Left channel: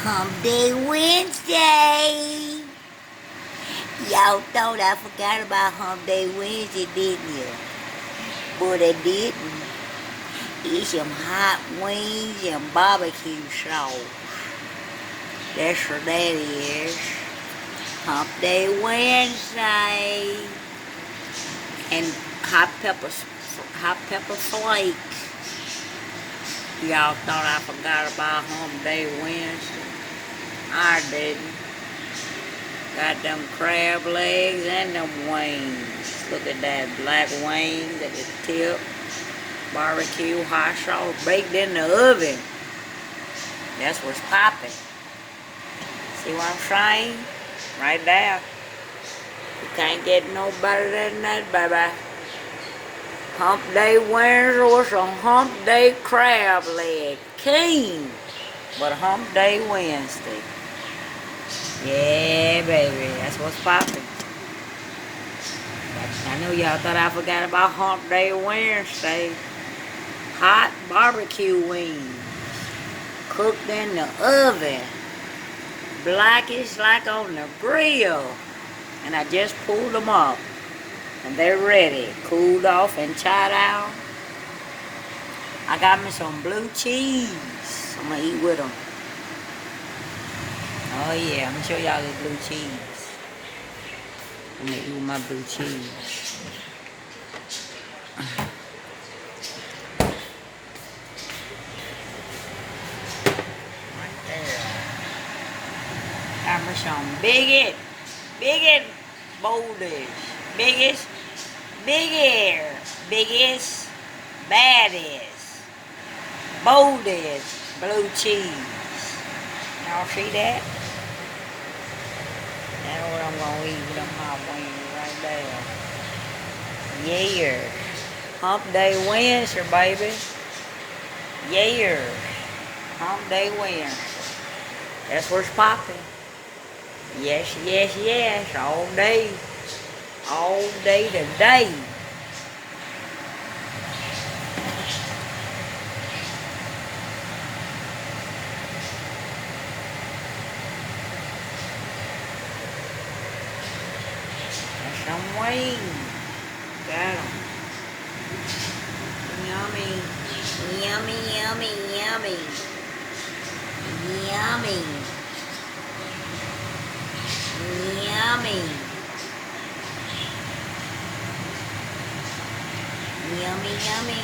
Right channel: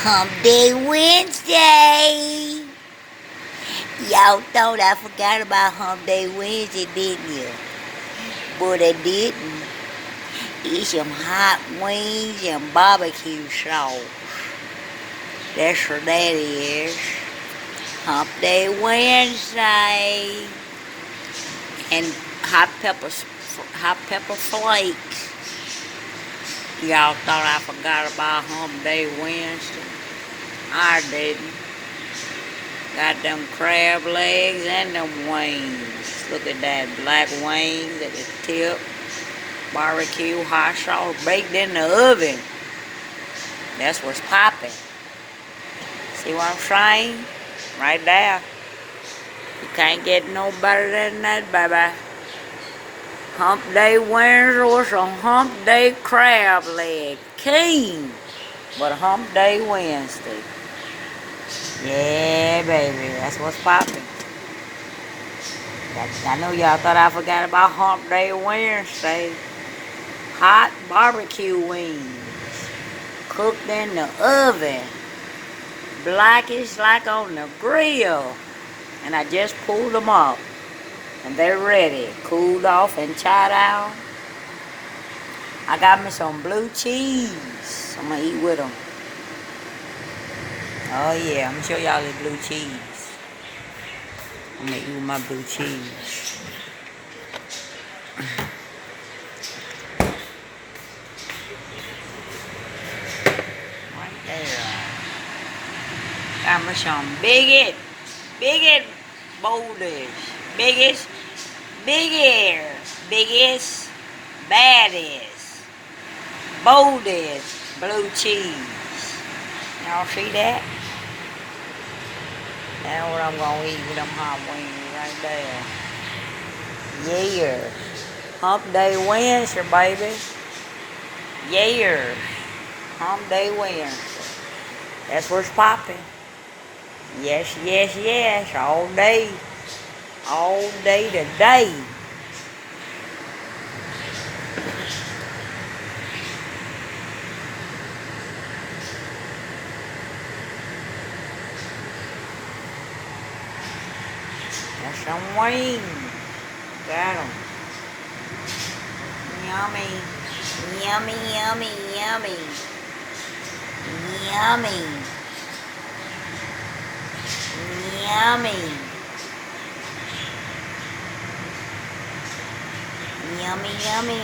Hump Day Wednesday. Y'all thought I forgot about Hump Day Wednesday, didn't you? But I didn't. Eat some hot wings and barbecue sauce. That's what that is. Hump Day Wednesday. And hot pepper flakes. Y'all thought I forgot about Hump Day Wednesday? I didn't. Got them crab legs and them wings. Look at that black wings at the tip. Barbecue hot sauce baked in the oven. That's what's popping. See what I'm saying? Right there. You can't get no better than that, baby. Hump Day Wednesday or some Hump Day crab leg. King. But Hump Day Wednesday. Yeah, baby. That's what's popping. I know y'all thought I forgot about Hump Day Wednesday. Hot barbecue wings. Cooked in the oven. Blackish like on the grill. And I just pulled them up. And they're ready. Cooled off and chowed down. I got me some blue cheese. I'm going to eat with them. Oh yeah, I'm going to show y'all this blue cheese. I'm going to eat with my blue cheese. Right there. Got me some biggest boulders. Biggest, baddest, boldest blue cheese. Y'all see that? That's what I'm going to eat with them hot wings right there. Yeah. Hump Day Wednesday, baby. Yeah. Hump Day Wednesday. That's what's popping. Yes, yes, yes. All day. All day today. That's some wings. Got them. Yummy. Yummy, yummy, yummy. Yummy. Yummy. Yummy, yummy.